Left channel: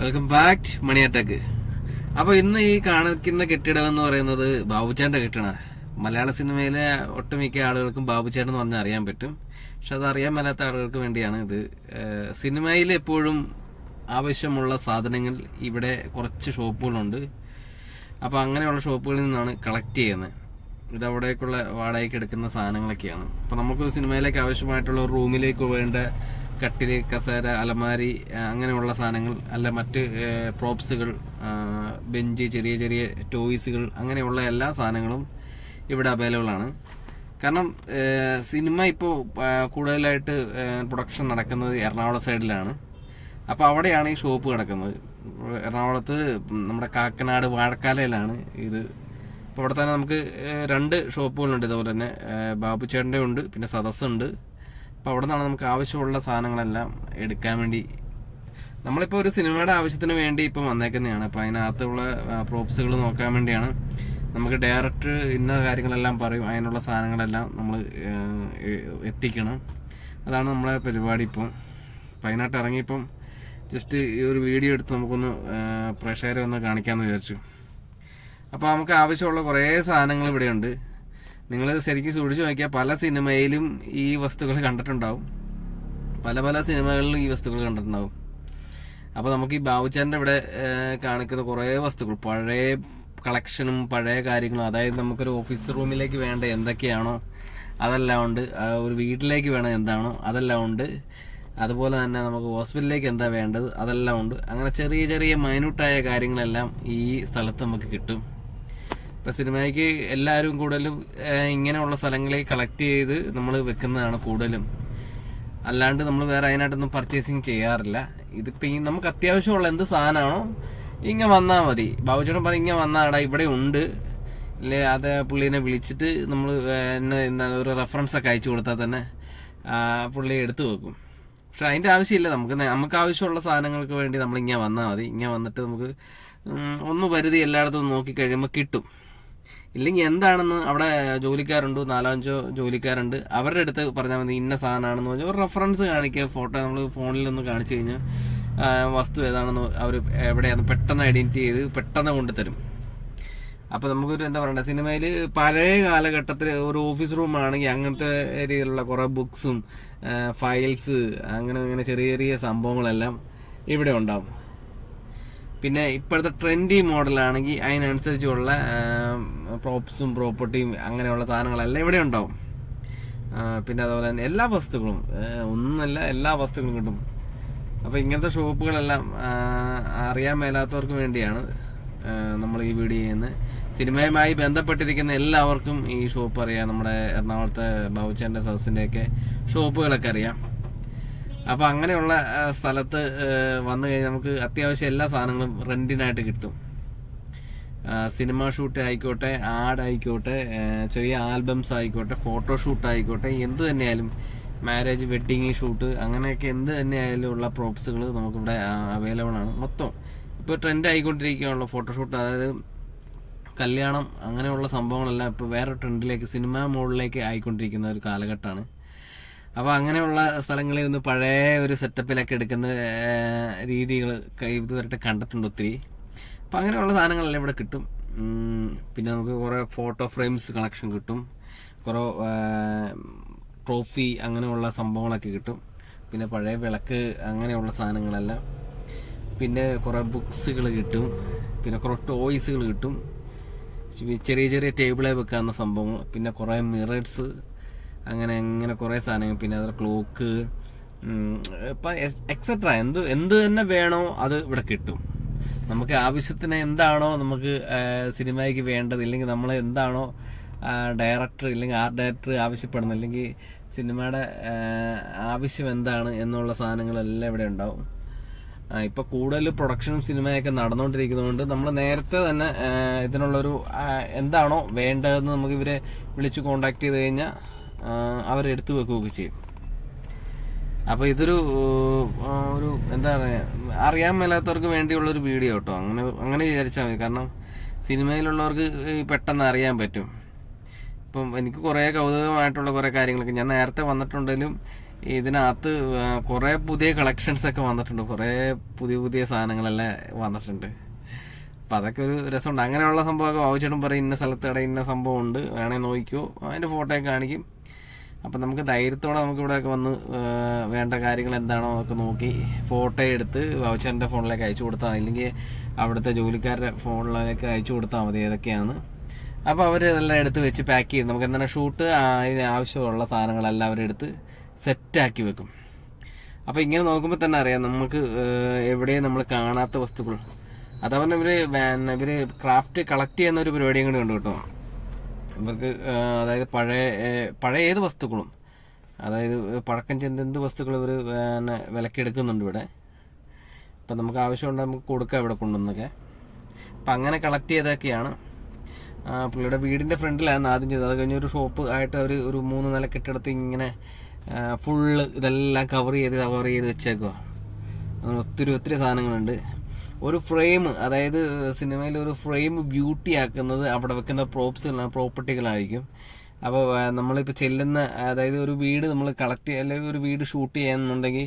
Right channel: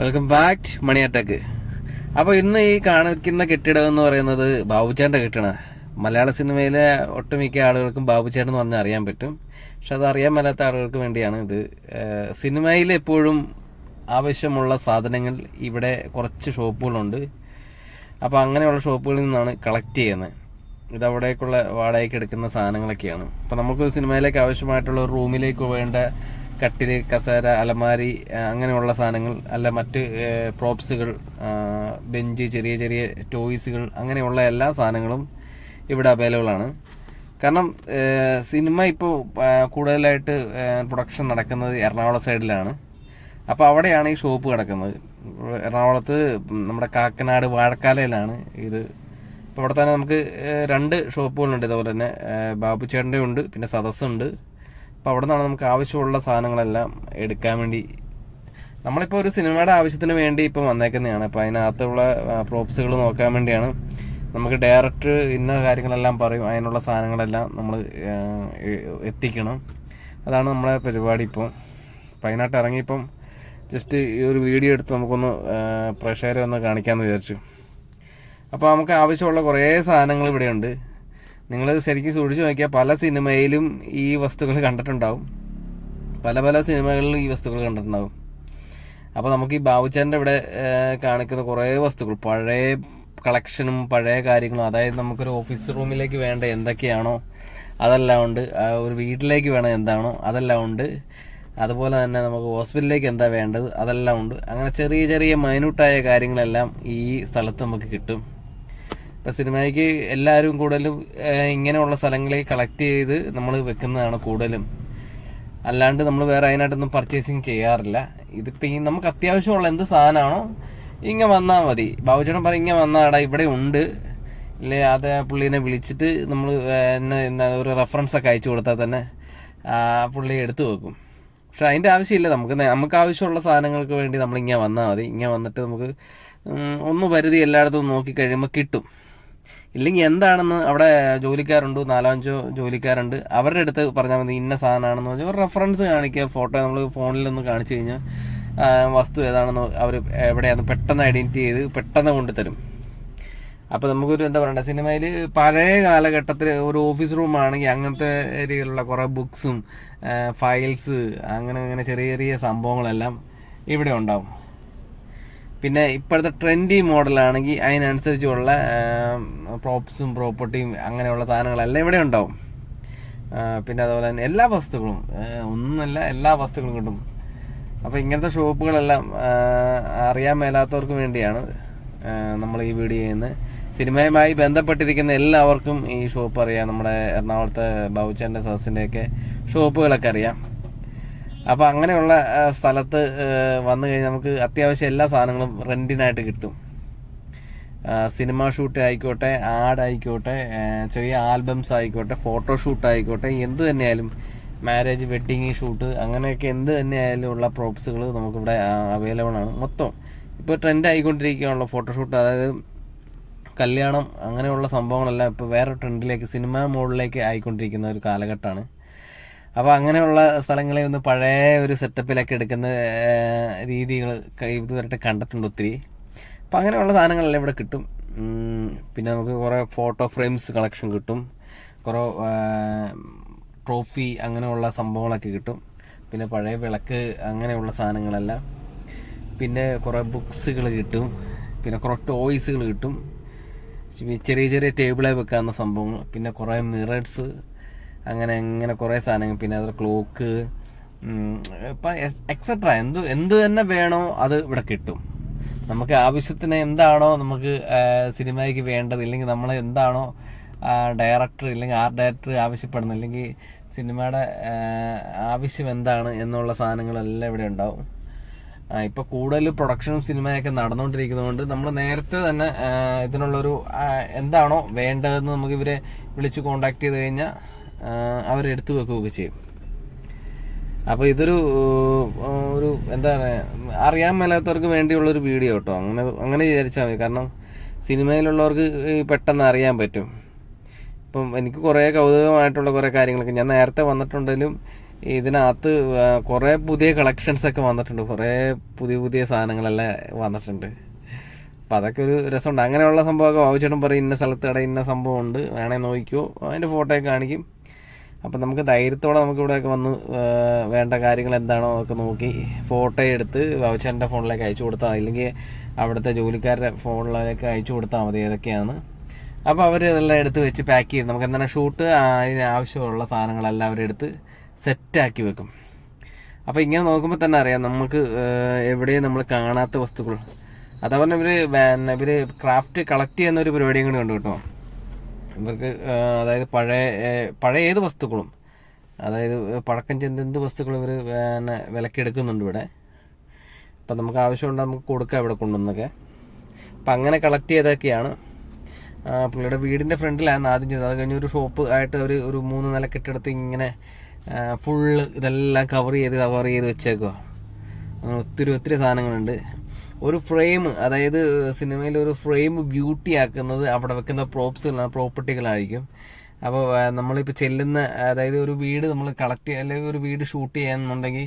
Welcome back മണി attack അപ്പൊ ഇന്ന് ഈ കാണിക്കുന്ന കെട്ടിടം എന്ന് പറയുന്നത് ബാബുചേട്ടന്റെ കെട്ടിടം മലയാള സിനിമയിലെ ഒട്ടുമിക്ക ആളുകൾക്കും ബാബുചേട്ടൻ എന്ന് പറഞ്ഞാൽ അറിയാൻ പറ്റും. പക്ഷെ അത് അറിയാൻ മേലാത്ത ആളുകൾക്ക് വേണ്ടിയാണ് ഇത്. സിനിമയിൽ എപ്പോഴും ആവശ്യമുള്ള സാധനങ്ങൾ ഇവിടെ കുറച്ച് ഷോപ്പുകളുണ്ട്. അപ്പൊ അങ്ങനെയുള്ള ഷോപ്പുകളിൽ നിന്നാണ് കളക്ട് ചെയ്യുന്നത്. ഇത് അവിടേക്കുള്ള വാടകയ്ക്ക് എടുക്കുന്ന സാധനങ്ങളൊക്കെയാണ്. അപ്പൊ നമുക്ക് സിനിമയിലേക്ക് ആവശ്യമായിട്ടുള്ള റൂമിലേക്ക് വേണ്ട കട്ടിൽ കസേര അലമാരി അങ്ങനെയുള്ള സാധനങ്ങൾ അല്ല മറ്റ് പ്രോപ്സുകൾ ബെഞ്ച് ചെറിയ ചെറിയ ടോയ്സുകൾ അങ്ങനെയുള്ള എല്ലാ സാധനങ്ങളും ഇവിടെ അവൈലബിൾ ആണ്. കാരണം സിനിമ ഇപ്പോൾ കൂടുതലായിട്ട് പ്രൊഡക്ഷൻ നടക്കുന്നത് എറണാകുളം സൈഡിലാണ് അപ്പോൾ അവിടെയാണ് ഈ ഷോപ്പ് കിടക്കുന്നത്. എറണാകുളത്ത് നമ്മുടെ കാക്കനാട് വാഴക്കാലയിലാണ് ഇത്. ഇപ്പോൾ അവിടെ തന്നെ നമുക്ക് രണ്ട് ഷോപ്പുകളുണ്ട് ഇതുപോലെ തന്നെ ബാബു ബാബുച്ചേട്ടന്റെ ഉണ്ട് പിന്നെ സദസ്സുണ്ട്. അപ്പൊ അവിടെ നിന്നാണ് നമുക്ക് ആവശ്യമുള്ള സാധനങ്ങളെല്ലാം എടുക്കാൻ വേണ്ടി നമ്മളിപ്പോ ഒരു സിനിമയുടെ ആവശ്യത്തിന് വേണ്ടി ഇപ്പൊ വന്നേക്കുന്നതാണ്. അപ്പൊ അതിനകത്തുള്ള പ്രോപ്സുകൾ നോക്കാൻ വേണ്ടിയാണ്. നമുക്ക് ഡയറക്ടർ ഇന്ന കാര്യങ്ങളെല്ലാം പറയും അതിനുള്ള സാധനങ്ങളെല്ലാം നമ്മൾ എത്തിക്കണം. അതാണ് നമ്മളെ പരിപാടി ഇപ്പോൾ അപ്പോൾ അതിനായിട്ട് ഇറങ്ങിയപ്പം ജസ്റ്റ് ഈ ഒരു വീഡിയോ എടുത്ത് നമുക്കൊന്ന് പ്രഷറൊന്ന് കാണിക്കാമെന്ന് വിചാരിച്ചു. അപ്പോൾ നമുക്ക് ആവശ്യമുള്ള കുറേ സാധനങ്ങൾ ഇവിടെയുണ്ട്. നിങ്ങളിത് ശരിക്കും സൂക്ഷിച്ചു നോക്കിയാൽ പല സിനിമയിലും ഈ വസ്തുക്കൾ കണ്ടിട്ടുണ്ടാവും. പല പല സിനിമകളിലും ഈ വസ്തുക്കൾ കണ്ടിട്ടുണ്ടാവും. അപ്പോൾ നമുക്ക് ഈ ബാബുച്ചാന്റെ ഇവിടെ കാണിക്കുന്ന കുറേ വസ്തുക്കൾ പഴയ കളക്ഷനും പഴയ കാര്യങ്ങളും അതായത് നമുക്കൊരു ഓഫീസ് റൂമിലേക്ക് വേണ്ട എന്തൊക്കെയാണോ അതെല്ലാം ഉണ്ട്. ഒരു വീട്ടിലേക്ക് വേണം എന്താണോ അതെല്ലാം ഉണ്ട്. അതുപോലെ തന്നെ നമുക്ക് ഹോസ്പിറ്റലിലേക്ക് എന്താ വേണ്ടത് അതെല്ലാം ഉണ്ട്. അങ്ങനെ ചെറിയ ചെറിയ മൈന്യൂട്ടായ കാര്യങ്ങളെല്ലാം ഈ സ്ഥലത്ത് നമുക്ക് കിട്ടും. ഇപ്പൊ സിനിമയ്ക്ക് എല്ലാവരും കൂടുതലും ഇങ്ങനെയുള്ള സ്ഥലങ്ങളിൽ കളക്ട് ചെയ്ത് നമ്മൾ വെക്കുന്നതാണ് കൂടുതലും. അല്ലാണ്ട് നമ്മൾ വേറെ അതിനായിട്ടൊന്നും പർച്ചേസിങ് ചെയ്യാറില്ല. ഇതിപ്പോ ഈ നമുക്ക് അത്യാവശ്യമുള്ള എന്ത് സാധനമാണോ ഇങ്ങ വന്നാൽ മതി. ബാബുചേട്ടൻ പറയും ഇങ്ങ വന്നാടാ ഇവിടെ ഉണ്ട്. ഇല്ലേ അത് പുള്ളീനെ വിളിച്ചിട്ട് നമ്മൾ എന്താ ഒരു റെഫറൻസ് ഒക്കെ അയച്ചു കൊടുത്താൽ തന്നെ പുള്ളി എടുത്തു വെക്കും. പക്ഷെ അതിന്റെ ആവശ്യമില്ല. നമുക്ക് നമുക്ക് ആവശ്യമുള്ള സാധനങ്ങൾക്ക് വേണ്ടി നമ്മൾ ഇങ്ങനെ വന്നാൽ മതി. ഇങ്ങനെ വന്നിട്ട് നമുക്ക് ഒന്ന് പരിധി എല്ലായിടത്തും നോക്കി കഴിയുമ്പോൾ കിട്ടും. ഇല്ലെങ്കിൽ എന്താണെന്ന് അവിടെ ജോലിക്കാരുണ്ട് നാലഞ്ചോ ജോലിക്കാരുണ്ട് അവരുടെ അടുത്ത് പറഞ്ഞാൽ മതി ഇന്ന സാധനമാണെന്ന് പറഞ്ഞാൽ ഒരു റെഫറൻസ് കാണിക്കുക ഫോട്ടോ നമ്മൾ ഫോണിൽ നിന്ന് കാണിച്ചു കഴിഞ്ഞാൽ വസ്തു ഏതാണെന്ന് അവർ എവിടെയാണ് പെട്ടെന്ന് ഐഡന്റിറ്റി ചെയ്ത് പെട്ടെന്ന് കൊണ്ടുതരും. അപ്പോൾ നമുക്കൊരു എന്താ പറയണ്ട സിനിമയിൽ പഴയ കാലഘട്ടത്തിൽ ഒരു ഓഫീസ് റൂം ആണെങ്കിൽ അങ്ങനത്തെ രീതിയിലുള്ള കുറേ ബുക്സും ഫയൽസ് അങ്ങനെ അങ്ങനെ ചെറിയ ചെറിയ സംഭവങ്ങളെല്ലാം ഇവിടെ ഉണ്ടാവും. പിന്നെ ഇപ്പോഴത്തെ ട്രെൻഡി മോഡലാണെങ്കിൽ അതിനനുസരിച്ചുള്ള പ്രോപ്സും പ്രോപ്പർട്ടിയും അങ്ങനെയുള്ള സാധനങ്ങളെല്ലാം ഇവിടെ ഉണ്ടാവും. പിന്നെ അതുപോലെ തന്നെ എല്ലാ വസ്തുക്കളും ഒന്നല്ല എല്ലാ വസ്തുക്കളും കിട്ടും. അപ്പോൾ ഇങ്ങനത്തെ ഷോപ്പുകളെല്ലാം അറിയാൻ മേലാത്തവർക്ക് വേണ്ടിയാണ് നമ്മൾ ഈ വീഡിയോ ചെയ്യുന്നത്. സിനിമയുമായി ബന്ധപ്പെട്ടിരിക്കുന്ന എല്ലാവർക്കും ഈ ഷോപ്പ് അറിയാം. നമ്മുടെ എറണാകുളത്തെ ബൗച്ചന്റെ സസിന്റെയൊക്കെ ഷോപ്പുകളൊക്കെ അറിയാം. അപ്പൊ അങ്ങനെയുള്ള സ്ഥലത്ത് വന്നു കഴിഞ്ഞാൽ നമുക്ക് അത്യാവശ്യം എല്ലാ സാധനങ്ങളും റെന്റിനായിട്ട് കിട്ടും. സിനിമ ഷൂട്ട് ആയിക്കോട്ടെ ആഡ് ആയിക്കോട്ടെ ചെറിയ ആൽബംസ് ആയിക്കോട്ടെ ഫോട്ടോ ഷൂട്ട് ആയിക്കോട്ടെ എന്ത് തന്നെയായാലും മാരേജ് വെഡിങ് ഷൂട്ട് അങ്ങനെയൊക്കെ എന്ത് തന്നെയായാലും ഉള്ള പ്രോപ്സുകൾ നമുക്കിവിടെ അവൈലബിൾ ആണ്. മൊത്തം ഇപ്പോൾ ട്രെൻഡ് ആയിക്കൊണ്ടിരിക്കുകയാണല്ലോ ഫോട്ടോഷൂട്ട് അതായത് കല്യാണം അങ്ങനെയുള്ള സംഭവങ്ങളെല്ലാം ഇപ്പോൾ വേറെ ട്രെൻഡിലേക്ക് സിനിമ മോഡിലേക്ക് ആയിക്കൊണ്ടിരിക്കുന്ന ഒരു കാലഘട്ടമാണ്. അപ്പോൾ അങ്ങനെയുള്ള സ്ഥലങ്ങളിൽ നിന്ന് പഴയ ഒരു സെറ്റപ്പിലൊക്കെ എടുക്കുന്ന രീതികൾ വരട്ടെ കണ്ടിട്ടുണ്ട് ഒത്തിരി. അപ്പം അങ്ങനെയുള്ള സാധനങ്ങളെല്ലാം ഇവിടെ കിട്ടും. പിന്നെ നമുക്ക് കുറേ ഫോട്ടോ ഫ്രെയിംസ് കളക്ഷൻ കിട്ടും. കുറേ ട്രോഫി അങ്ങനെയുള്ള സംഭവങ്ങളൊക്കെ കിട്ടും. പിന്നെ പഴയ വിളക്ക് അങ്ങനെയുള്ള സാധനങ്ങളെല്ലാം. പിന്നെ കുറേ ബുക്സുകൾ കിട്ടും. പിന്നെ കുറേ ടോയ്സുകൾ കിട്ടും. ചെറിയ ചെറിയ ടേബിളെ വെക്കാവുന്ന സംഭവങ്ങൾ. പിന്നെ കുറേ മിറേഴ്സ് അങ്ങനെ അങ്ങനെ കുറേ സാധനങ്ങൾ. പിന്നെ അത് ക്ലോക്ക് ഇപ്പം എക്സെട്ര എന്ത് എന്ത് തന്നെ വേണോ അത് ഇവിടെ കിട്ടും. നമുക്ക് ആവശ്യത്തിന് എന്താണോ നമുക്ക് സിനിമയ്ക്ക് വേണ്ടത് ഇല്ലെങ്കിൽ നമ്മൾ എന്താണോ ഡയറക്ടർ ഇല്ലെങ്കിൽ ആർട്ട് ഡയറക്ടർ ആവശ്യപ്പെടുന്നത് ഇല്ലെങ്കിൽ സിനിമയുടെ ആവശ്യം എന്താണ് എന്നുള്ള സാധനങ്ങളെല്ലാം ഇവിടെ ഉണ്ടാവും. ഇപ്പോൾ ഇപ്പൊ കൂടുതൽ പ്രൊഡക്ഷനും സിനിമയൊക്കെ നടന്നുകൊണ്ടിരിക്കുന്നതുകൊണ്ട് നമ്മൾ നേരത്തെ തന്നെ ഇതിനുള്ളൊരു എന്താണോ വേണ്ടതെന്ന് നമുക്ക് ഇവരെ വിളിച്ച് കോണ്ടാക്ട് ചെയ്ത് കഴിഞ്ഞാൽ അവരെടുത്തു വെക്കുകയൊക്കെ ചെയ്യും. അപ്പൊ ഇതൊരു ഒരു എന്താണ് അറിയാൻ മേലാത്തവർക്ക് വേണ്ടിയുള്ള ഒരു വീഡിയോ കേട്ടോ. അങ്ങനെ അങ്ങനെ വിചാരിച്ചാൽ മതി. കാരണം സിനിമയിലുള്ളവർക്ക് പെട്ടെന്ന് അറിയാൻ പറ്റും. ഇപ്പം എനിക്ക് കുറേ കൗതുകമായിട്ടുള്ള കുറേ കാര്യങ്ങളൊക്കെ ഞാൻ നേരത്തെ വന്നിട്ടുണ്ടെങ്കിലും ഇതിനകത്ത് കുറേ പുതിയ കളക്ഷൻസ് ഒക്കെ വന്നിട്ടുണ്ട്. കുറേ പുതിയ പുതിയ സാധനങ്ങളെല്ലാം വന്നിട്ടുണ്ട്. അപ്പൊ അതൊക്കെ ഒരു രസമുണ്ട്. അങ്ങനെയുള്ള സംഭവമൊക്കെ ബാബുചേട്ടൻ പറയും ഇന്ന സ്ഥലത്ത് കട ഇന്ന സംഭവം ഉണ്ട് വേണേൽ നോക്കിക്കോ. അതിന്റെ ഫോട്ടോ ഒക്കെ കാണിക്കും. അപ്പൊ നമുക്ക് ധൈര്യത്തോടെ നമുക്ക് ഇവിടെയൊക്കെ വന്ന് വേണ്ട കാര്യങ്ങൾ എന്താണോ അതൊക്കെ നോക്കി ഫോട്ടോ എടുത്ത് വൗച്ചറിന്റെ ഫോണിലേക്ക് അയച്ചു കൊടുത്താൽ അല്ലെങ്കിൽ അവിടുത്തെ ജോലിക്കാരുടെ ഫോണിലേക്ക് അയച്ചു കൊടുത്താൽ മതി ഏതൊക്കെയാണ്. അപ്പോൾ അവർ ഇതെല്ലാം എടുത്ത് വെച്ച് പാക്ക് ചെയ്ത് നമുക്ക് എന്താണ് ഷൂട്ട് അതിന് ആവശ്യമുള്ള സാധനങ്ങളെല്ലാം അവരെടുത്ത് സെറ്റാക്കി വെക്കും. അപ്പോൾ ഇങ്ങനെ നോക്കുമ്പോൾ തന്നെ അറിയാം നമുക്ക് എവിടെയും നമ്മൾ കാണാത്ത വസ്തുക്കൾ. അതേപോലെ ഇവർ ഇവർ ക്രാഫ്റ്റ് കളക്ട് ചെയ്യുന്ന ഒരു പരിപാടിയും കൂടെ ഉണ്ട് കേട്ടോ. ഇവർക്ക് അതായത് പഴയ പഴയ ഏത് വസ്തുക്കളും അതായത് പഴക്കം ചെന്ത് എന്ത് വസ്തുക്കളും ഇവർ പിന്നെ വിലക്കെടുക്കുന്നുണ്ട് ഇവിടെ. അപ്പം നമുക്ക് ആവശ്യമുണ്ട് നമുക്ക് കൊടുക്കാം ഇവിടെ കൊണ്ടുവന്നൊക്കെ. അപ്പം അങ്ങനെ കളക്ട് ചെയ്തൊക്കെയാണ് പുള്ളിയുടെ വീടിന്റെ ഫ്രണ്ടിലായിരുന്നു ആദ്യം ചെയ്തത്. അത് കഴിഞ്ഞ് ഒരു ഷോപ്പ് ആയിട്ട് ഒരു ഒരു മൂന്ന് നില കെട്ടിടത്ത് ഇങ്ങനെ ഫുള്ള് ഇതെല്ലാം കവർ ചെയ്ത് കവർ ചെയ്ത് വെച്ചേക്കുക അങ്ങനെ ഒത്തിരി ഒത്തിരി സാധനങ്ങളുണ്ട്. ഒരു ഫ്രെയിം അതായത് സിനിമയിൽ ഒരു ഫ്രെയിം ബ്യൂട്ടി ആക്കുന്നത് അവിടെ വെക്കുന്ന പ്രോപ്സ് പ്രോപ്പർട്ടികളായിരിക്കും അപ്പോൾ നമ്മളിപ്പോൾ ചെല്ലുന്ന അതായത് ഒരു വീട് നമ്മൾ കളക്ട് അല്ലെങ്കിൽ ഒരു വീട് ഷൂട്ട് ചെയ്യാന്നുണ്ടെങ്കിൽ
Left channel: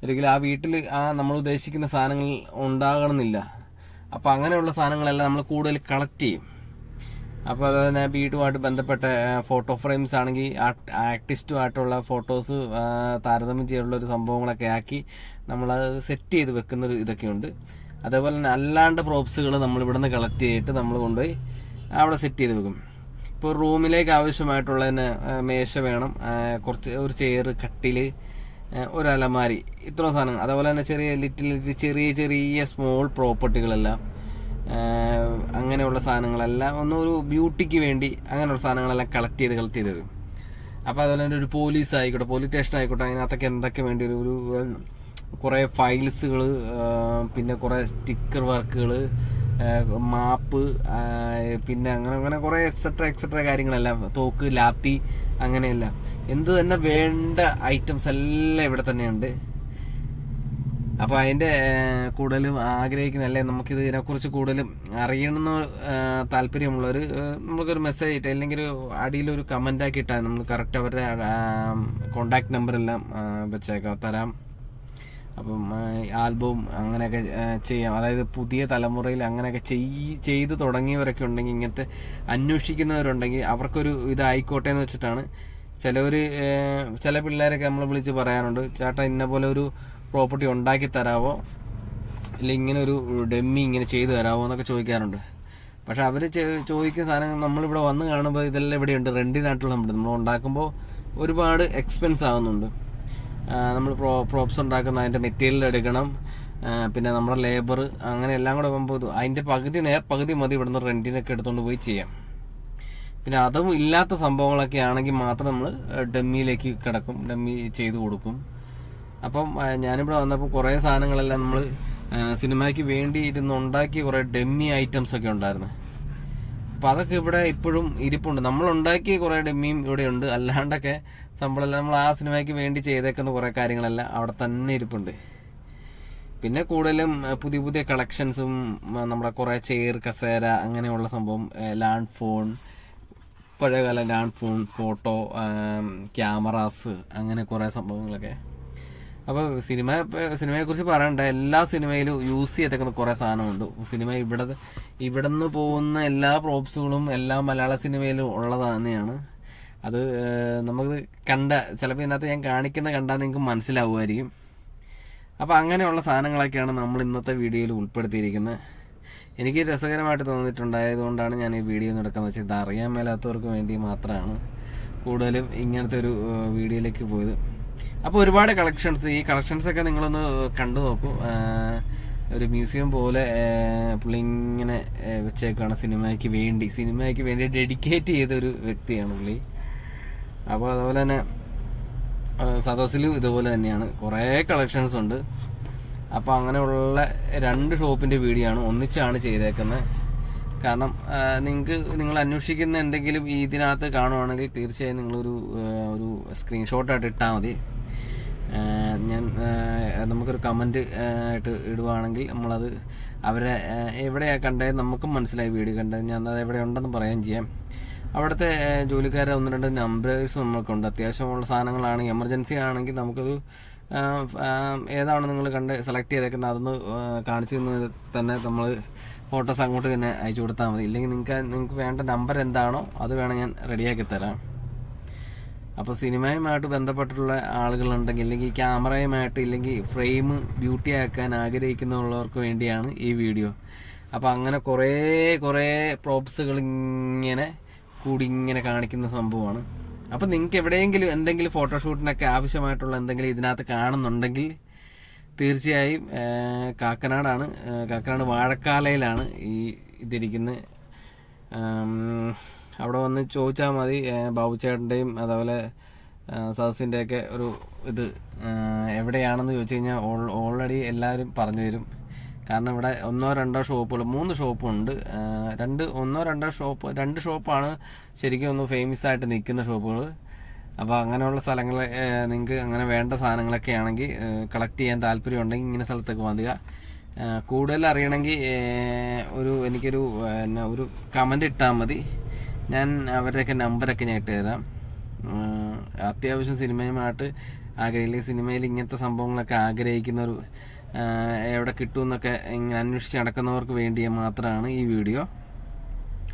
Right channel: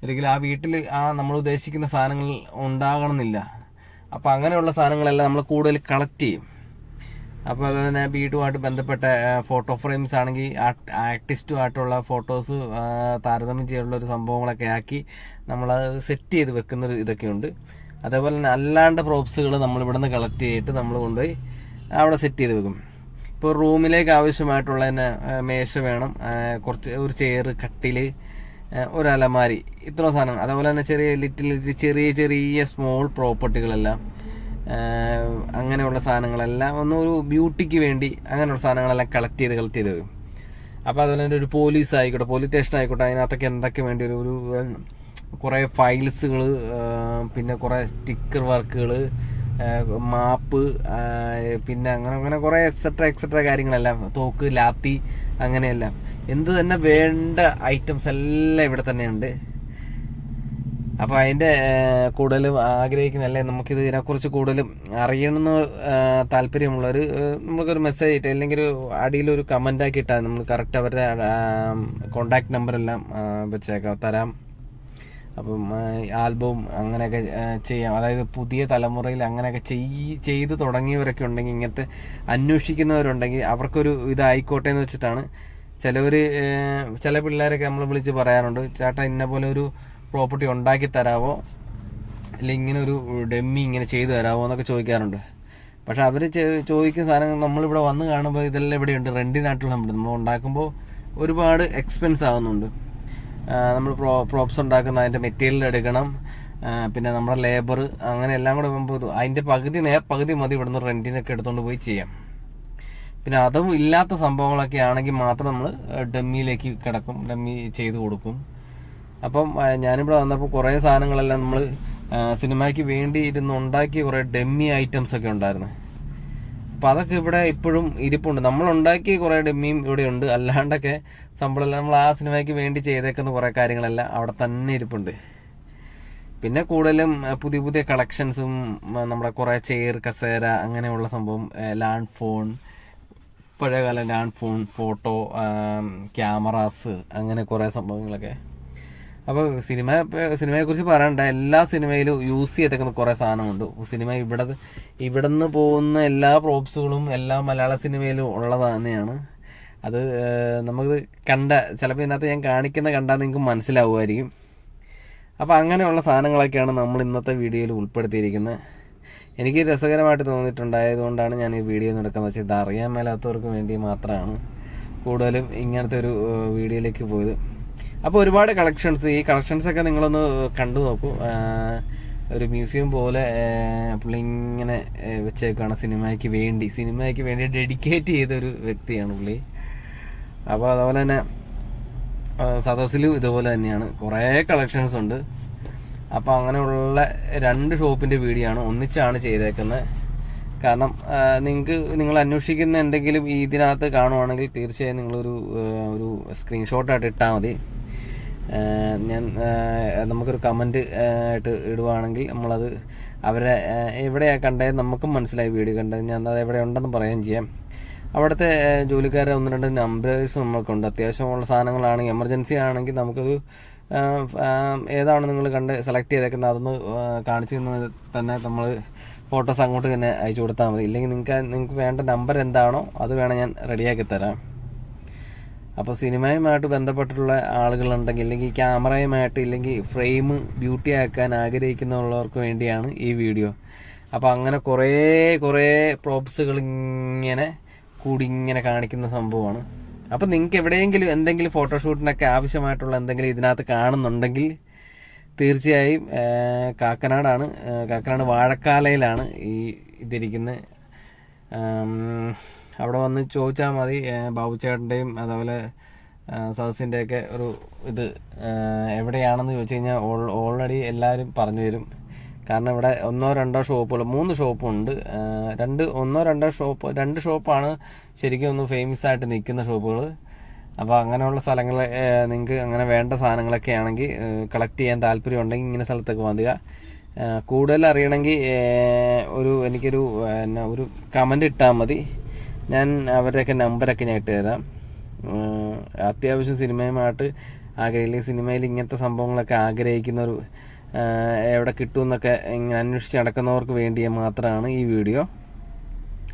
അല്ലെങ്കിൽ ആ വീട്ടിൽ ആ നമ്മൾ ഉദ്ദേശിക്കുന്ന സാധനങ്ങൾ ഉണ്ടാകണമെന്നില്ല. അപ്പോൾ അങ്ങനെയുള്ള സാധനങ്ങളെല്ലാം നമ്മൾ കൂടുതൽ കളക്ട് ചെയ്യും. അപ്പോൾ അതുപോലെ തന്നെ വീടുമായിട്ട് ബന്ധപ്പെട്ട ഫോട്ടോ ഫ്രെയിംസ് ആണെങ്കിൽ ആർട്ടിസ്റ്റുമായിട്ടുള്ള ഫോട്ടോസ് താരതമ്യം ചെയ്യാനുള്ള ഒരു സംഭവങ്ങളൊക്കെ ആക്കി നമ്മളത് സെറ്റ് ചെയ്ത് വെക്കുന്ന ഇതൊക്കെയുണ്ട്. അതേപോലെ തന്നെ അല്ലാണ്ട് പ്രോപ്സുകൾ നമ്മൾ ഇവിടുന്ന് കളക്ട് ചെയ്തിട്ട് നമ്മൾ കൊണ്ടുപോയി അവിടെ സെറ്റ് ചെയ്ത് വെക്കും. ഇപ്പോൾ റൂമിലേക്ക് ആവശ്യമായിട്ടുള്ള തന്നെ മേശ വേണം കുറച്ച് ഒരു ചെയർ കട്ടിൽ ഒരു അലമാരി ഇത്ര സാധനങ്ങൾ. അതേപോലെ തന്നെ ചെറിയ ലിറ്റിൽ ചെറിയ ചെറിയ സ്മോൾ പ്രോപ്പർട്ടികളെല്ലാം അങ്ങനെയുള്ള സാധനങ്ങളെല്ലാം ഒന്ന് ഒരു ബ്യൂട്ടിക്ക് വേണ്ടി അങ്ങനെയുള്ള സാധനങ്ങളെല്ലാം കളക്ട് ചെയ്ത് കളക്ട് ചെയ്ത് വെക്കും. അപ്പോൾ അതുപോലെ തന്നെ ഒരു പോലീസ് ആയിക്കോട്ടെ പോലീസ് സ്റ്റേഷൻ ആയിക്കോട്ടെ അതിനകത്തൊക്കെ എന്തൊക്കെ വേണ്ടി ഒരു കുറേ ഫയൽസുകൾ പിന്നെ കുറേ സ്റ്റിക്കർ വർക്കുകൾ മാപ്പ് പിന്നെ അങ്ങനെ അങ്ങനെ കുറേ എക്സെട്ര എക്സെട്ര കാര്യങ്ങളെല്ലാം. തോക്ക് ലാത്തി അങ്ങനെയെല്ലാം. എന്ത് തന്നെ വേണ്ട ഐറ്റംസ് എല്ലാം ഇവിടെ തന്നെയുണ്ട്. അപ്പോൾ അതിന്റെ ഏഹ്, കൂടുതലും ആഗ്രഹിക്കുന്ന അല്ലെ നമുക്കിത് ഇതിനെക്കുറിച്ച് കൂടുതലും അറിയണമെന്ന് താല്പര്യമുള്ളവർ നമുക്കൊരു മെസ്സേജ് ഇട്ട് അല്ലെങ്കിൽ ഒരു കമന്റ് ആക്കി ഇട്ടാൽ നമ്മൾ കറക്റ്റ് അവരുടെ കോണ്ടാക്ട് നമ്പർ എല്ലാം വെച്ചേക്കാം തരാം. അപ്പം ആൽബവും അങ്ങനെയൊക്കെ ചെയ്യാം. അതായത് പുതിയ തലമുറയിൽ അങ്ങനെയൊക്കെ ചെയ് ചെയ്ത് തുടങ്ങിയവരൊക്കെ ഉണ്ടെങ്കിൽ ഇങ്ങനത്തെ അന്വേഷിക്കുന്നവരുണ്ടെങ്കിൽ അവർക്കൊരു ഇതായിക്കോട്ടെ എന്ന് വെച്ചിട്ടാണ് ചിലവർ ചില പിള്ളേരൊക്കെ നമ്മൾ വിളിച്ച് പറയാറുണ്ട് ചേട്ടാ ഇന്ന പോലെ ഒരു പ്രോപ്പർട്ടി ഉണ്ടാക്കി തരാവോ? അല്ലെങ്കിൽ ഇങ്ങനെ ഒരു ഡെമ്മി ഇങ്ങനെ ചെയ്തു തരാവോ? എന്നൊക്കെ ചോദിക്കാറുണ്ട്. പക്ഷെ അവർ ചോദിക്കുന്ന സാധനങ്ങൾ നമ്മളിവിടെ വന്ന് കാണുമ്പോൾ ഇതെല്ലാം ഇവിടെ ഉണ്ട് റെന്റിനായിട്ടുള്ള ഉണ്ട് നമ്മൾ ഉണ്ടാക്കുമ്പോൾ ഒരുപാട് എക്സ്പെൻസ് ആകുന്നുണ്ട് നമ്മൾ പ്രോ പ്രോപ്സ് ഉണ്ടാക്കുന്ന അതിന്റെ മെറ്റീരിയൽ എടുക്കണം. പിന്നെ നമ്മുടെ ലേബർ അങ്ങനെ എല്ലാം കൂടെ പോകുമ്പോൾ അതിന്റെ പകുതി നേർ പകുതി മതി ഇവിടുന്ന് റെന്റിനൊക്കെ എടുത്തുകൊണ്ട് പോയി ചെയ്യാം. പിന്നെ അതും ഇല്ലാത്ത സംഭവങ്ങളൊക്കെ ആണെങ്കിൽ മാത്രം നമ്മൾ ഡമ്മിയിലേക്ക് കിടക്കും. ഡമ്മി ചെയ്ത് കൊടുക്കും. അപ്പം ഞാനിവിടെ വന്നപ്പോൾ കുറേ സാധനങ്ങളെല്ലാം നമ്മൾ സിനിമയ്ക്ക് വേണ്ടി ഇരുന്ന് ഉണ്ടാക്കിയ കുറേ ഡമ്മി ഐറ്റംസ് ഒക്കെ ഉണ്ടായിരുന്നു. അപ്പൊ അതൊക്കെ ഇവിടെ ഇപ്പോഴും ഇരിപ്പുണ്ട്. നമ്മൾ ഉണ്ടാക്കിയ കുറെ ഡെമ്മിയും ഇവിടെ ഉണ്ട്. അല്ലാണ്ടൊക്കെ സംഭവം നമ്മൾ ആ സിനിമയ്ക്ക് വേണ്ടി ചെയ്തേക്കുന്ന കുറെ കാര്യങ്ങളെല്ലാം അവിടെ തന്നെ ഇരിപ്പുണ്ട്. പിന്നെ കൂടുതലും പുതിയ പുതിയ കളക്ഷൻസും നമ്മുടെ കുറെ ചെയർ കസേര അങ്ങനെയുള്ള സംഭവം ലാൻഡ് ഫോൺ പഴയകാല ലാൻഡ് ഫോൺ ഫോട്ടോ ക്യാമറാസ് അങ്ങനെ കുറെ സംഭവങ്ങളൊക്കെ. അപ്പോൾ സിനിമ സിനിമയെ കുറിച്ച് പറയണ്ട. എല്ലാ സിനിമയിലും യൂസ് ചെയ്തേക്കുന്ന കുറേ സാധനമുണ്ട്. സിനിമ ഇവിടെ ഇവിടുന്ന് പോകുന്ന എല്ലാ പ്രോപ്സുകളും എല്ലാ മലയാള സിനിമയിലും ഉള്ളത് തന്നെയാണ്. അത് നമുക്ക് കണ്ട ചിലപ്പോൾ ഇതിനകത്ത് ഞാൻ കാണിക്കുന്ന കണ്ടാൽ നിങ്ങൾക്ക് മനസ്സിലാവുമായിരിക്കും. അപ്പോൾ അങ്ങനെയുള്ള സാധനങ്ങളൊക്കെയാണ് നമ്മൾ ഇന്നത്തെ വീഡിയോയിൽ ഉൾപ്പെടുത്തിയിരിക്കുന്നത്. എനിക്ക് രസകരമായിട്ട് തോന്നിയിട്ടുണ്ടായതുകൊണ്ടാണ് ഞാൻ ഈ വീഡിയോ നടക്കുന്നത് വെച്ചാൽ ഇത് അറിയാൻ മേലാത്തവർക്ക് വേണ്ടി മാത്രമാണ് കൂടുതലും ഇങ്ങനത്തെ ഒരു വീഡിയോയിലേക്ക് പോയത്. അപ്പോൾ ഒരുപാട് കളക്ഷൻസ് ഈ കളക്ഷൻസൊക്കെ നിങ്ങളൊന്ന് കണ്ടു നോക്കൂ. ഒരു മ്യൂസിയം പോലെ പുള്ളി ഇങ്ങനെ വെച്ചേക്കാണ് സിനിമയ്ക്ക് വേണ്ടി. സിനിമയ്ക്ക് വേണ്ടി ഡെഡിക്കേറ്റ് ചെയ്ത ഒരു വ്യക്തിയാണ് പുള്ളി. അപ്പോൾ അതുപോലെ തന്നെ സദസ്സിലും ഇതുപോലെ തന്നെയാണ്. കുറേ കളക്ഷൻസ് ഉണ്ട്. അപ്പൊ അങ്ങനെയുള്ള രണ്ട് ഷോപ്പിന്റെ വീഡിയോ ആണ് ഒന്നിച്ചാണ് ചെയ്തേക്കുന്നത്. കാരണം നിങ്ങൾക്ക് നിങ്ങൾ അന്വേഷിക്കുന്ന എന്തെങ്കിലും ഇതിനകത്ത് കാണുവാണെങ്കിൽ തീർച്ചയായും നിങ്ങളൊരു ഒരു സ്ക്രീൻഷോട്ടായിട്ട് ഇട്ടാൽ മതി. ഞാൻ നമുക്കൊരു കമന്റ് ആയിട്ട് ഇടുവാണെങ്കിൽ നമ്മളത് അവരെ എവിടെയാണ് എവിടെയാ കണ്ടത് നമുക്കും മനസ്സിലായി വീഡിയോ കണ്ടത്. ഞാൻ അത് എവിടെ ഉണ്ടെന്ന് പറയുകയും ചെയ്യാം. അവിടുത്തെ ജോലിക്കാരെ ഒന്ന് രണ്ട് നമ്പേഴ്സ് നമുക്കുണ്ട് അത്യാവശ്യമുള്ള സാധനങ്ങളാണെങ്കിൽ എമർജൻസി ആണെങ്കിൽ നമുക്കത് ഏതാണ് നിങ്ങൾ കണ്ട് സെലക്ട് ചെയ്തേക്കുന്നത് അതൊന്ന് കാണിച്ചു തന്ന് തന്നെ നമ്മൾ ഫോട്ടോസ് അങ്ങോട്ട് തന്നെ അയച്ചു കൊടുത്താൽ മതി. ഇല്ലെങ്കിൽ നിങ്ങൾക്ക് നിങ്ങൾക്ക് വേണ്ട നമ്പർ എന്താണോ അത് വേണം ഞാൻ റെഡിയാക്കി തരാം. അപ്പോൾ സിനിമയുമായിട്ട് ബന്ധപ്പെട്ടിട്ടുള്ള ആളുകളുണ്ടെങ്കിൽ ഇല്ലെങ്കിൽ ക്യാമറയുമായിട്ട് ഇല്ലെങ്കിൽ ഫ്രെയിം ബ്യൂട്ടി ആക്കാൻ ആഗ്രഹിക്കുന്നുള്ളവർക്ക് വേണ്ടിയാണ് ഈ വീഡിയോ. അപ്പോൾ അങ്ങനെ കുറേ കുറേ പ്രോപ്സുകൾ ഇങ്ങനെ കൂടി ഇങ്ങനെ കാണിക്കുന്ന സംഭവമാണ്. അപ്പോൾ നിങ്ങൾക്ക് എവിടെയെങ്കിലും എന്തെങ്കിലും ഫോട്ടോഷൂട്ടിനൊക്കെ ആവശ്യമായിട്ടുള്ള എന്തെങ്കിലും ഇതിനകത്ത് കാണുന്നുണ്ടെങ്കിൽ തീർച്ചയായും കാക്കനാടാണ് കാക്കനാട് വാഴക്കാലയിലാണ് ഈ ഇതിരിക്കുന്നത് അവിടെ വന്ന് ചോദിച്ചാൽ മതി. ബാബു ബാബുച്ചേട്ടന്റെയും അതേപോലെ സദസ്സിന്റെയൊക്കെ ഒരു ഇത് എവിടെയാണെന്ന് ചോദിച്ചു കഴിഞ്ഞാൽ ഓൾറെഡി എല്ലാവരും പറഞ്ഞു തരും. കാരണം ഇവിടെ ഒന്നോ രണ്ടോ ഷോപ്പുകൾ മൂന്ന് ഷോപ്പുണ്ട്. രണ്ട് ഒന്നോ രണ്ടോ ഷോപ്പ് രണ്ട് ഷോപ്പാണ് ശരിക്കും ഒന്ന് ഫേമസ് ആയിട്ട് നിൽക്കുന്ന ഷോപ്പുകൾ. അപ്പോൾ അങ്ങനെയുള്ള സ്ഥലങ്ങൾ നിങ്ങൾക്ക് അങ്ങനെ വേണ്ട സാധനങ്ങളൊക്കെ ആണെങ്കിൽ കളക്ട് ചെയ്യാൻ താല്പര്യം ഉണ്ടെങ്കിൽ ഇങ്ങനെ സ്ഥലത്തൊക്കെ വരിക കൂടുതൽ അറിയണമെങ്കിൽ ഒരു എനിക്കൊരു എന്നാ ഒരു കമന്റ് ഇട്ടാൽ മതി. ഞാൻ അവരുടെയൊക്കെ നമ്പറൊക്കെ ഞാൻ ഇട്ട് തരാം. അത്യാവശ്യം സിനിമയുമായിട്ട് ആഗ്രഹിക്കില്ല സിനിമയിൽ ഇങ്ങനത്തെ സംഭവങ്ങളൊക്കെ ആഗ്രഹിക്കുന്ന ഒരു എവിടെ കിട്ടുമെന്നൊക്കെ ഇങ്ങനെ അന്വേഷിച്ച് നടക്കുന്നവർക്ക് വേണ്ടി മാത്രമാണ് ഈ വീഡിയോ.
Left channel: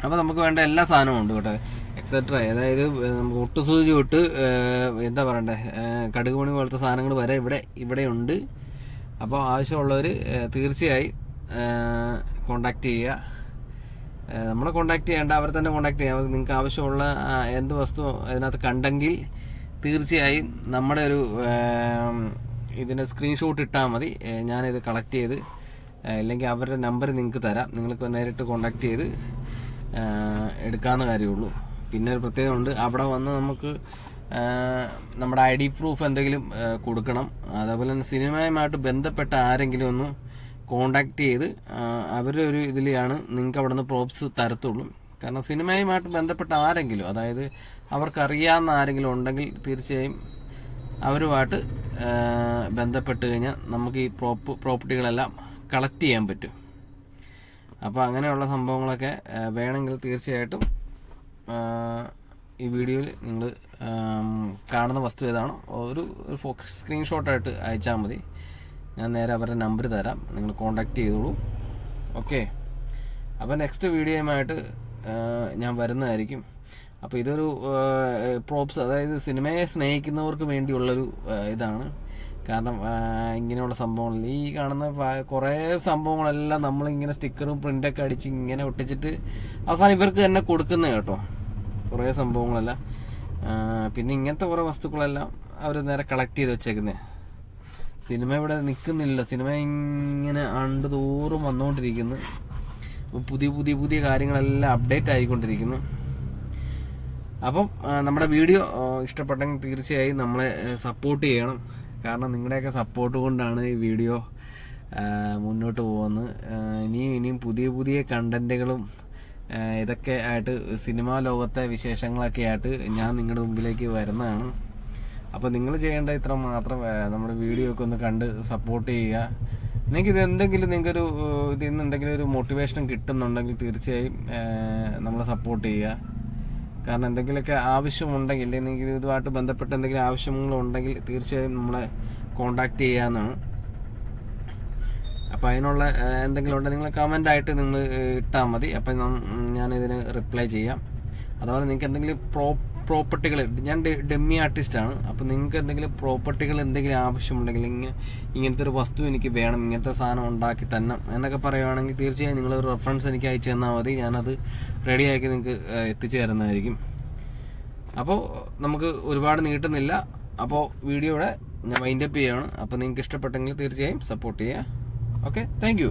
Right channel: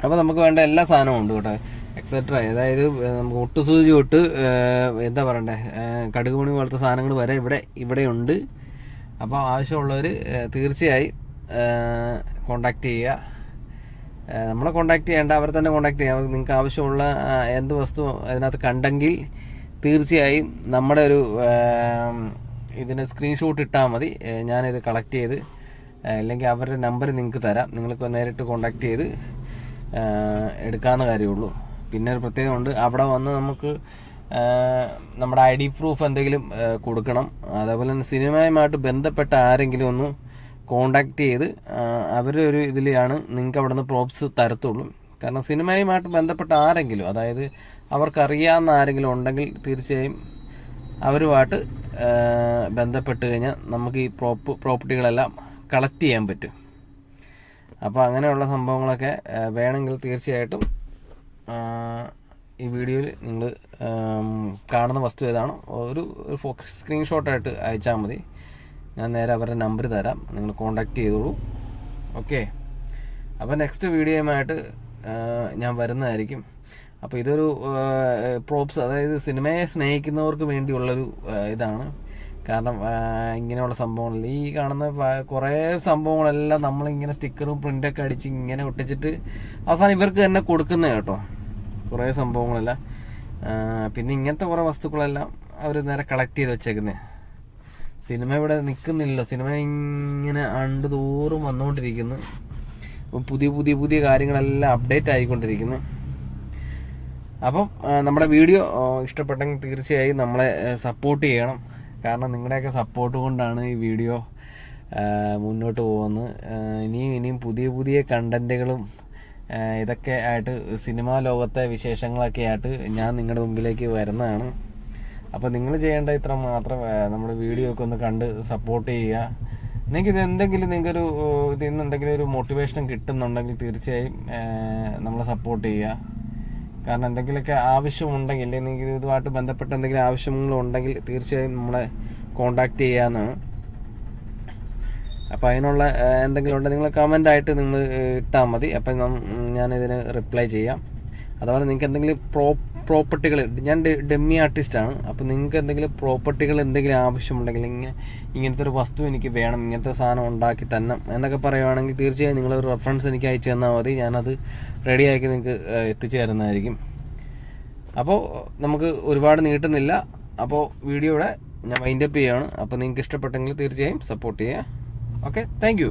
അപ്പോൾ നമുക്ക് വേണ്ട എല്ലാ സാധനവും ഉണ്ട് കേട്ടോ. എക്സെട്ര അതായത് നമുക്ക് ഒട്ടുസൂചി തൊട്ട് എന്താ പറയണ്ടേ കടുക് മണി പോലത്തെ സാധനങ്ങൾ വരെ ഇവിടെ ഇവിടെയുണ്ട് അപ്പോൾ ആവശ്യമുള്ളവർ തീർച്ചയായും കോണ്ടാക്ട് ചെയ്യുക. നമ്മളെ കോണ്ടാക്ട് ചെയ്യേണ്ട അവരെ തന്നെ കോണ്ടാക്ട് ചെയ്യാം. നിങ്ങൾക്ക് ആവശ്യമുള്ള എന്ത് വസ്തു അതിനകത്ത് കണ്ടെങ്കിൽ തീർച്ചയായും നമ്മുടെ ഒരു ഇതിന്റെ സ്ക്രീൻഷോട്ട് ഇട്ടാൽ മതി. ഞാനിത് കളക്ട് ചെയ്ത് അല്ലെങ്കിൽ അവരുടെ നമ്പർ നിങ്ങൾക്ക് തരാം. നിങ്ങൾക്ക് നേരിട്ട് കോണ്ടാക്ട് ചെയ്ത് എടുക്കാവുന്ന കാര്യമുള്ളൂ. പിന്നെ ഒരു പ്രത്യേകമുണ്ട് അവിടെ വന്ന് നമുക്ക് നമ്മുടെ ഐ ഡി പ്രൂഫ് എന്തെങ്കിലും കൊടുക്കണം. അതേപോലെ തന്നെ സിനിമയുമായിട്ട് ബന്ധപ്പെട്ട ആരെങ്കിലും ഒന്ന് കോണ്ടാക്ട് ചെയ്ത് അവരുടെ ഒരു ഇതിലാണ് നിങ്ങൾക്ക് അവിടെ നിന്ന് പ്രോപ്സ് തരത്തുള്ളൂ. കാരണം സിനിമയുമായിട്ട് ബന്ധപ്പെട്ട ആരെങ്കിലും അതായത് അവർക്കറിയാവുന്ന ആരെങ്കിലും ഉണ്ടെങ്കിൽ തീർച്ചയായും അവരുമായിട്ട് ബന്ധപ്പെട്ട് കഴിഞ്ഞാൽ നമുക്ക് ഈ പ്രോപ്പ് പ്രോപ്പർട്ടികളെല്ലാം കളക്ട് ചെയ്യാൻ പറ്റും. അപ്പോൾ അങ്ങനെയുള്ള സംഭവങ്ങളൊക്കെ വേണമെങ്കിൽ തീർച്ചയായിട്ടും ഈ വീഡിയോയിൽ നിങ്ങൾ കാണുന്ന വസ്തു ഏതാണോ ഒരു സ്ക്രീൻഷോട്ടായിട്ട് അയച്ചാൽ മതി. ഞാൻ നേരെ അവരുടെ നമ്പർ തരാം. നിങ്ങൾ കോണ്ടാക്ട് ചെയ്തോളൂ. ഓക്കെ അപ്പോൾ നെക്സ്റ്റ് വീഡിയോയുമായിട്ട് ഞാൻ വരുന്നതായിരിക്കും. അപ്പോൾ ഇതൊരു പ്രോപ്സ് അതായത് സിനിമയെ സ്നേഹിക്കുന്നവർക്ക് വേണ്ടിയുള്ളൊരു ഇതാണ്. കാരണം ഇങ്ങനെയുള്ള സംഭവങ്ങൾ ഈ കാണുന്ന കുറേ സംഭവങ്ങളെല്ലാം നമ്മളിങ്ങനെ സ്റ്റിക്കറും പ്രിന്റൊക്കെ അടിച്ച് ഇങ്ങനെ ഒട്ടിച്ചിട്ട് അവസാനം ഇവർക്ക് തന്നെ കൊടുക്കുന്നത് കേട്ടോ. കുറേ സംഭവങ്ങളെല്ലാം. പിന്നെ ഇങ്ങനത്തെ കുറേ വസ്തുക്കളെല്ലാം അവർ നേരെ കളക്ട് ചെയ്ത് വെച്ചേക്കുന്നത് സിനിമ ഇവിടെ നിൽക്കുന്നില്ല സിനിമ ഇങ്ങനെ ആണ്ട് തോറും വന്നുകൊണ്ടിരിക്കുന്നു. ഇപ്പം പുതിയ പുതിയ പുതിയ കാര്യങ്ങളെല്ലാം അപ്ഡേറ്റ് ആയിക്കൊണ്ടിരിക്കുന്നു. അപ്പം നമ്മുടെ വീഡിയോ ഇഷ്ടപ്പെട്ടെങ്കിൽ തീർച്ചയായും നമ്മളെ സപ്പോർട്ട് ചെയ്യണം. കാരണം നിങ്ങളുടെയൊക്കെ സപ്പോർട്ട് കൊണ്ടാണ് ഈ വീഡിയോ മുന്നോട്ട് പോകുന്നത്. ഇനിയും ഇനിയും പുതിയ പുതിയ കണ്ടന്റുകളും ഇതൊക്കെ ആയിട്ട് സിനിമാ ലോകത്തെ വിശേഷങ്ങളൊക്കെ ആയിട്ട് ഞാൻ നിങ്ങളുടെ മുമ്പിലേക്ക് വരുന്നതാണ്. അപ്പോൾ നിങ്ങൾ ചെയ്യേണ്ട ഇത്ര മാത്രം നമ്മുടെ വീഡിയോ ഒക്കെ ഒന്ന് കണ്ട് സപ്പോർട്ട് ചെയ്യുക. നിങ്ങൾക്ക് ഇത് എന്തെങ്കിലും നിങ്ങൾക്കൊരു ഇതിൽ നിന്ന് എന്തെങ്കിലും ഒരു മോട്ടിവേഷൻ കിട്ടുന്നുണ്ടെങ്കിൽ തീർച്ചയായും നമ്മളെ സപ്പോർട്ട് ചെയ്യുക. കാരണം എന്തെങ്കിലുമൊക്കെ ആവശ്യമുണ്ടെങ്കിൽ അല്ലെങ്കിൽ നിങ്ങൾക്ക് ഇതുമായിട്ട് ബന്ധപ്പെട്ട എന്തെങ്കിലും ആവശ്യങ്ങളുണ്ടെങ്കിൽ തീർച്ചയായും നമ്മളെ കോണ്ടാക്ട് ചെയ്യാമെന്നാണ് അപ്പം അതിനുള്ള എന്തെങ്കിലും ഉണ്ടെങ്കിൽ നിങ്ങൾ കമന്റ് ആയിട്ട് നിങ്ങൾ ഇട്ടാൽ മതി. അപ്പം ഞാനിതിന് റിപ്ലൈ ചെയ്യാം. അതുപോലെ നിങ്ങൾക്ക് എന്തെങ്കിലും പ്രോ പ്രോപ്പർട്ടികൾ ഞാൻ ഡെമ്മി ആർട്ടിസ്റ്റാണ് അപ്പോൾ നിങ്ങൾക്ക് എന്തെങ്കിലും പ്രോപ്പർട്ടികൾ എന്തെങ്കിലും ആവശ്യമുണ്ടെങ്കിൽ ഇങ്ങനെ ഇങ്ങനത്തെ ഒരു വസ്തു എനിക്ക് വേണം ഇങ്ങനത്തെ സാധനം ഉണ്ടാക്കി തന്നെ എന്നൊക്കെ പറയുവാണെങ്കിൽ തീർച്ചയായും നിങ്ങളൊരു റെഫറൻസ് എനിക്ക് അയച്ചു തന്നാൽ മതി. ഞാനത് റെഡിയാക്കി നിങ്ങൾക്ക് എത്തിച്ചു തരുന്നതായിരിക്കും അപ്പോൾ നമുക്ക് ഒരുപാട് നീട്ടുന്നില്ല. അപ്പോൾ വീഡിയോയുടെ ഞാൻ വൈൻഡപ്പ് ചെയ്യുകയാണ് അപ്പോൾ നിങ്ങൾക്ക് ഇഷ്ടപ്പെട്ടെങ്കിൽ തീർച്ചയായും സപ്പോർട്ട് ചെയ്യുക. Okay thank